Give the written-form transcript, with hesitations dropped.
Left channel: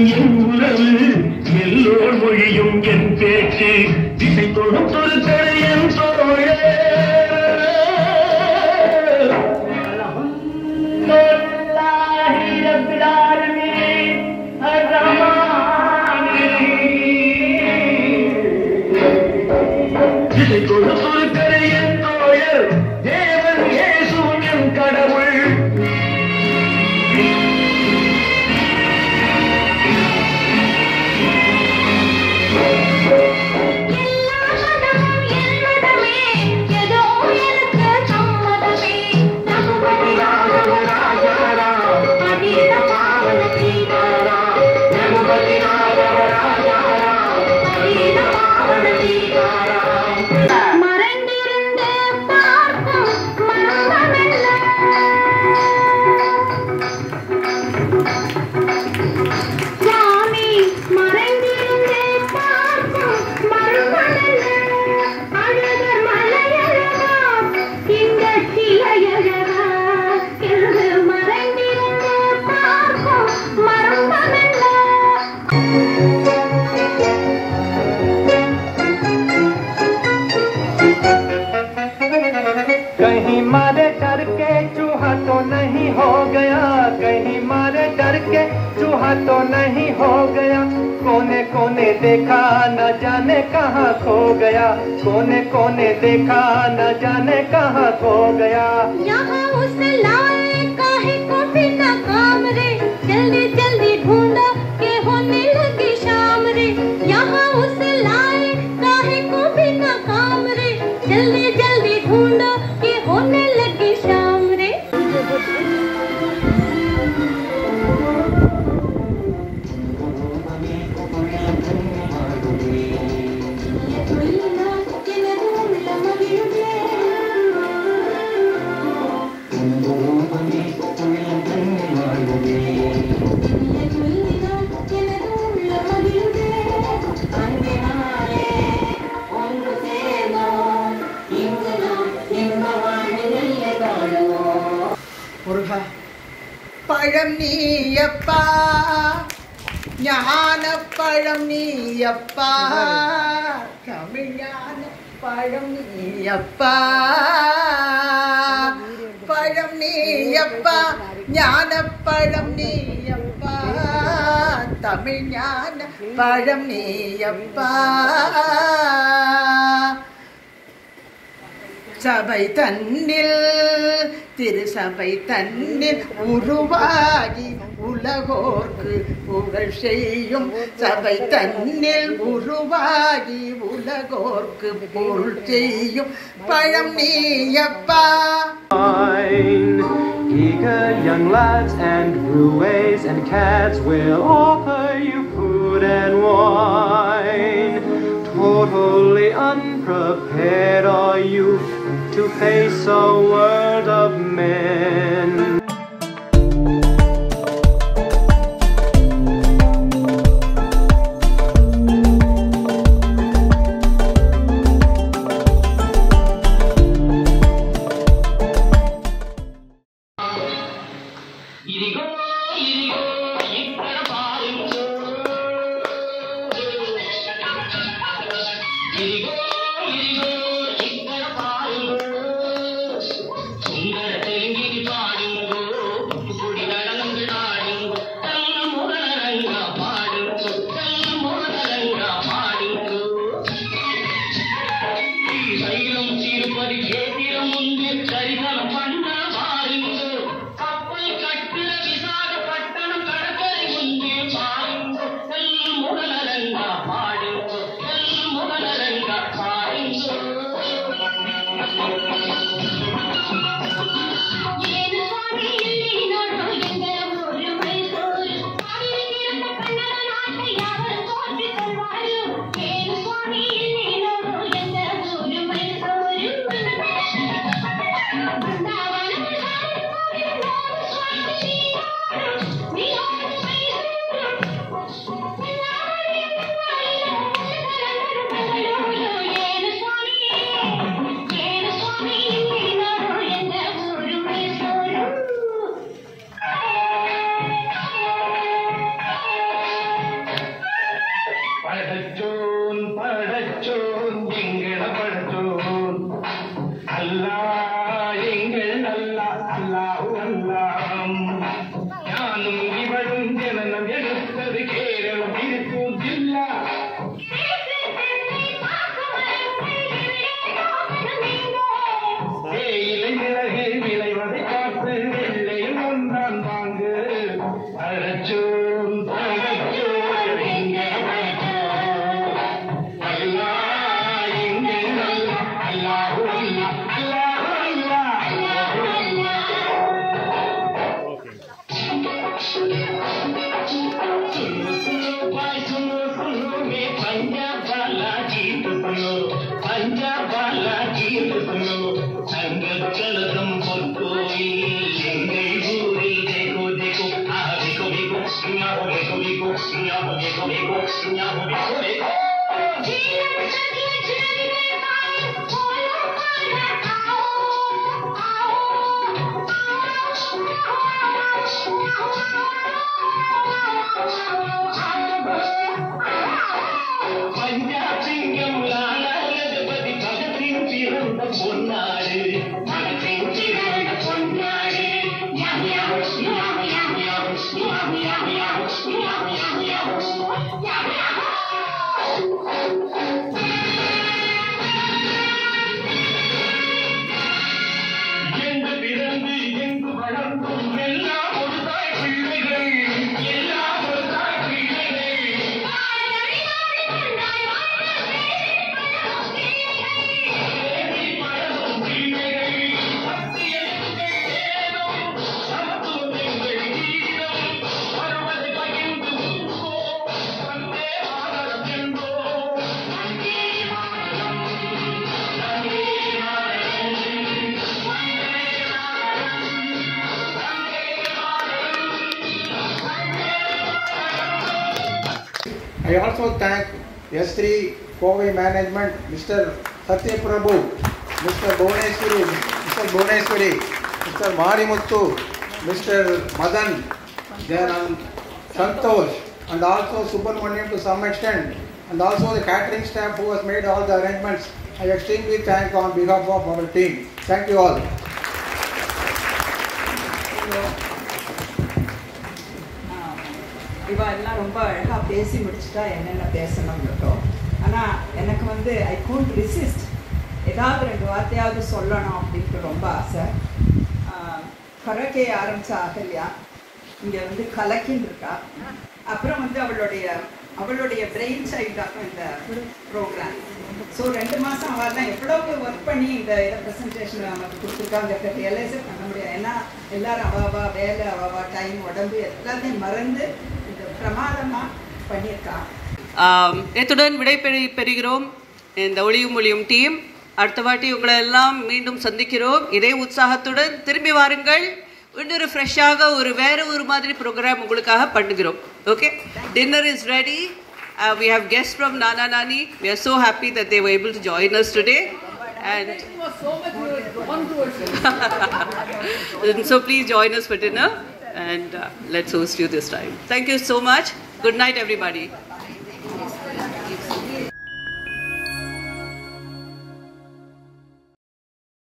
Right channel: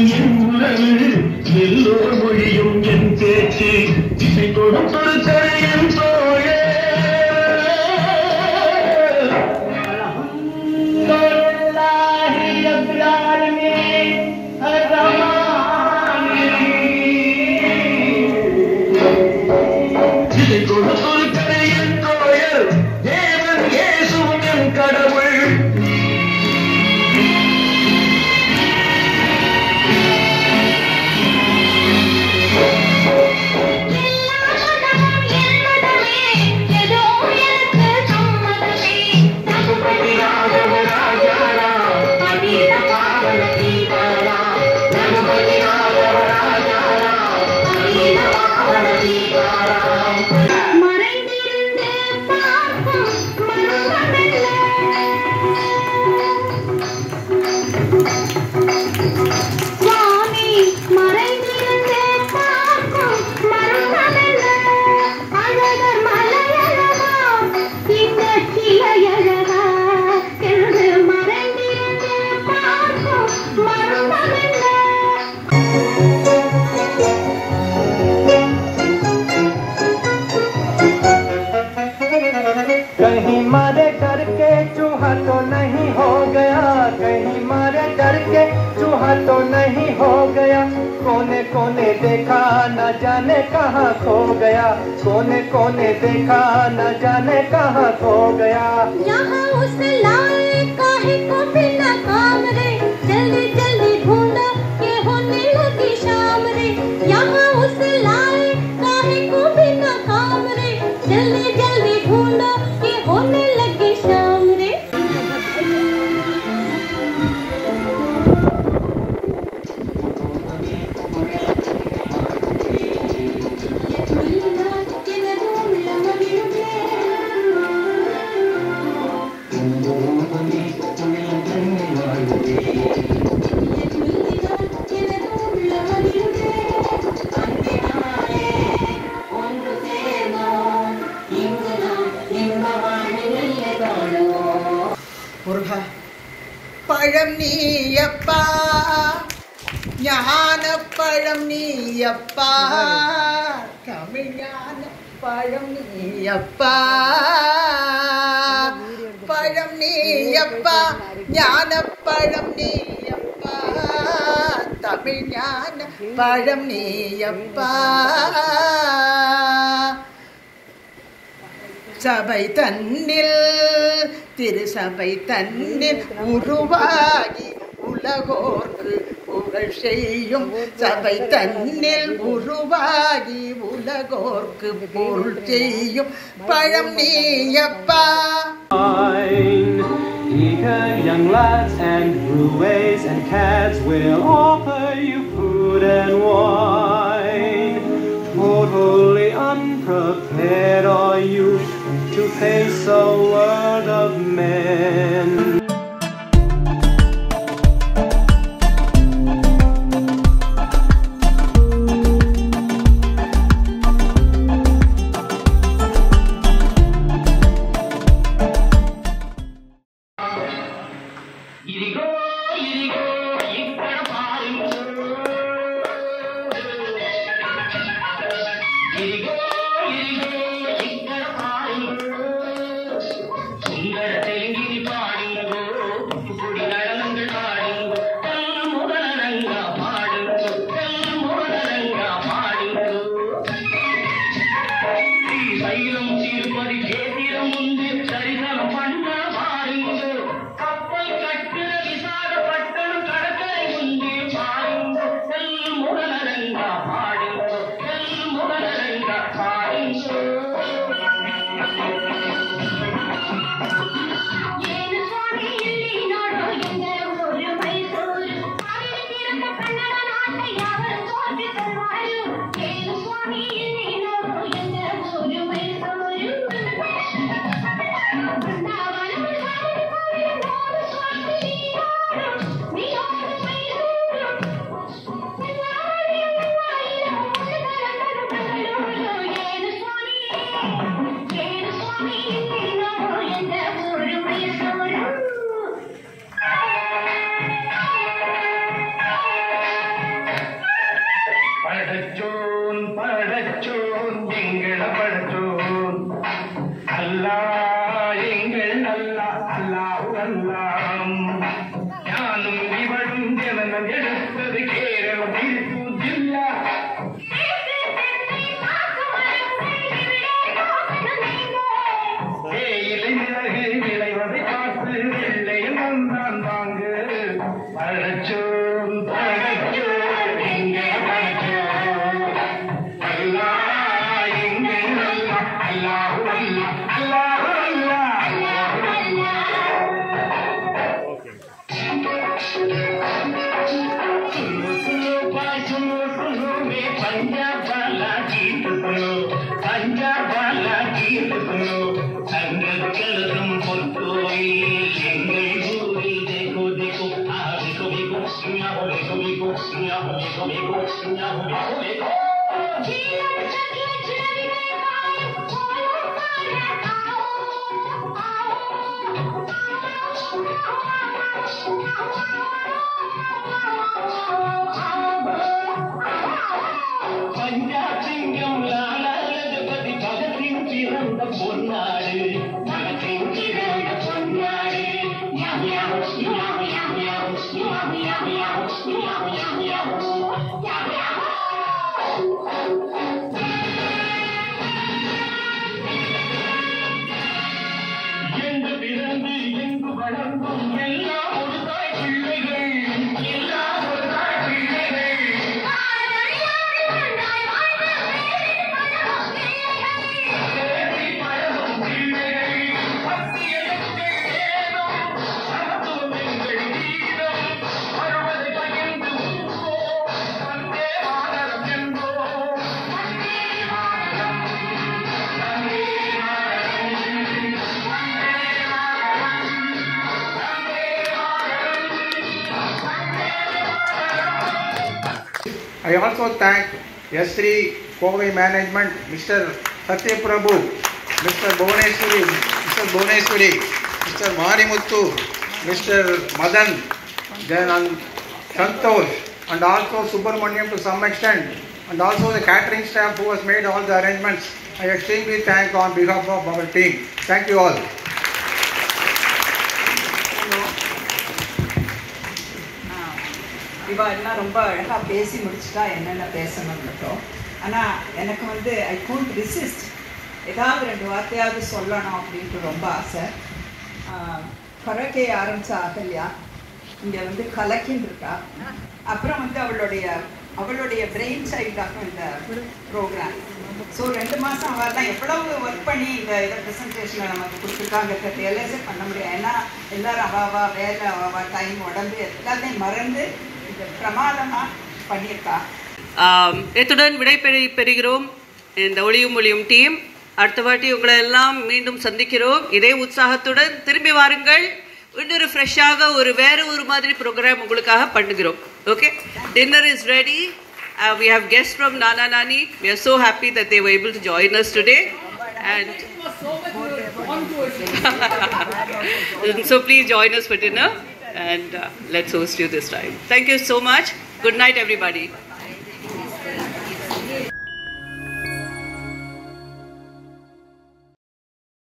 நாதம் என் உணவு எல்லோர் மொழியும் என் பேச்சு திசை தொடுத்தொரு தடையன் தோழ திசை தொடுத்தொரு தடையன் தோழர் தேவன் இயேசுவும் என் கடவுள் कहीं मारे डर के चूहा तो नहीं हो गया, कहीं मारे डर के चूहा तो नहीं हो गया, कोने कोने देखा न जाने कहाँ खो गया, कोने कोने देखा न जाने कहाँ खो गया। यहाँ उसे लाए काहे को बिना काम रे, जल्दी जल्दी ढूंढो के होने लगी शाम रे। यहाँ उसे लाए काहे को बिना काम रे, जल्दी जल्दी ढूंढो के होने लगी शाम रे। பழம் நீயப்பா ஞான பழம் நீயப்பா தமிழ் ஞான பழம் நீயப்பா பழம் நீயப்பா ஞான பழம் நீயப்பா தமிழ் ஞான பழம் நீயப்பா சபை தன்னில் திருசபை தன்னில் உருவாகி உலகோர்க்கு புகழ் செய்யும் சபை தன்னில் உருவாகி உலகோர்க்கு பொருள் செய்யும் பழம் நீயப்பா. Eager young lads and ruways and cats will offer you food and wine. Totally unprepared are you to face a world of men. சுந்தர தெலுங்கில் படைச்சோம் படைச்சோம் எங்க படைச்சோம் அல்லாஹ் எங்க அல்லாஹ் அல்லாஹு அல்லாஹ் அல்லாஹு அல்லாஹ் அல்லாஹு सुनो में पंजाब वाला गीत सुनो पंजाब वाला गीत सुनो संगम பொற்கோயில் எங்கள் ஊரில் देखो देखो देखो देखो सुनाओ देखो देखो सुनाओ देखो देखो सुनाओ देखो देखो பஞ்சாப் சிங்கம் லாலா லஜபதி பகத்தின் பிறந்த பொன்னாடு பகத்தின் பிறந்த பொன்னாடு யாம் யாம் யாம் யாம் யாம் யாம் யாம் யாம் யாம் யாம் யாம் யாம் எங்கு பிறந்து எங்கு வளர்ந்தும் எல்லாம் ஒரு தாய் பிள்ளைகள் எல்லாம் ஒரு தாய் பிள்ளைகள் I also thank S3 Kovai Management, Mr. Satya Prabhu, Mr. Bhuvaneswari, Mr. Marimuthu, Mr. Madan, then Santosh, and also Subramaniam to some extent, and also the catering staff who has made all the arrangements. I extremely thank on behalf of our team. Thank you all. இவா எல்லாம் ரொம்ப அழகாக பேசி முடிச்சுட்டா என்னென்ன பேசணும்ன்றதோ ஆனால் எனக்கு வந்து ஐ couldn't resist ஏதாவது 2 வார்த்தையாவது சொல்லணும் அப்படின்ட்டு ரொம்ப ஆசை. கரக்கே ஆரம்பிச்ச அகல்யா இங்கே வந்து கலக்கின்னு இருக்கா. அப்புறம் வந்து அவளுடைய பிரெயின் சைல்டாகும் இந்த ப்ரோக்ராம். ஸோ 2 மாதம் அவெல்லாம் எவ்வளவு ஒர்க் பண்ணி இந்த ப்ரெசன்டேஷனை நமக்கு கொடுத்துருக்காங்க ரியலைஸே பண்ண முடியாது. ஏன்னா எல்லோரும் அவாவா வேலை அவாவா டைம் உடம்பு எல்லாமே மறந்து இந்த பிரமாதமாக பண்ணியிருக்கா. இத்துடன் விடைபெறுகிறோம் இந்த ஒளியும் ஒளியும் டீம். அடுத்த வாட்டி உங்களை எல்லாம் மீண்டும் சந்திக்கிறோம். இதே உற்சாகத்துடன் திரும்பி வாருங்கள். இன்னொரு ஃப்ரெஷ்ஷாக வேற ஒரு மாதிரி ப்ரோக்ராம் உங்களுக்காக பண்ணுகிறோம். Okay, dinner is ready. We have guests from Nana Nani. We are so happy that they were able to join us today. And so please join us for dinner and let's host you this time. Thank you so much. Good night, everybody.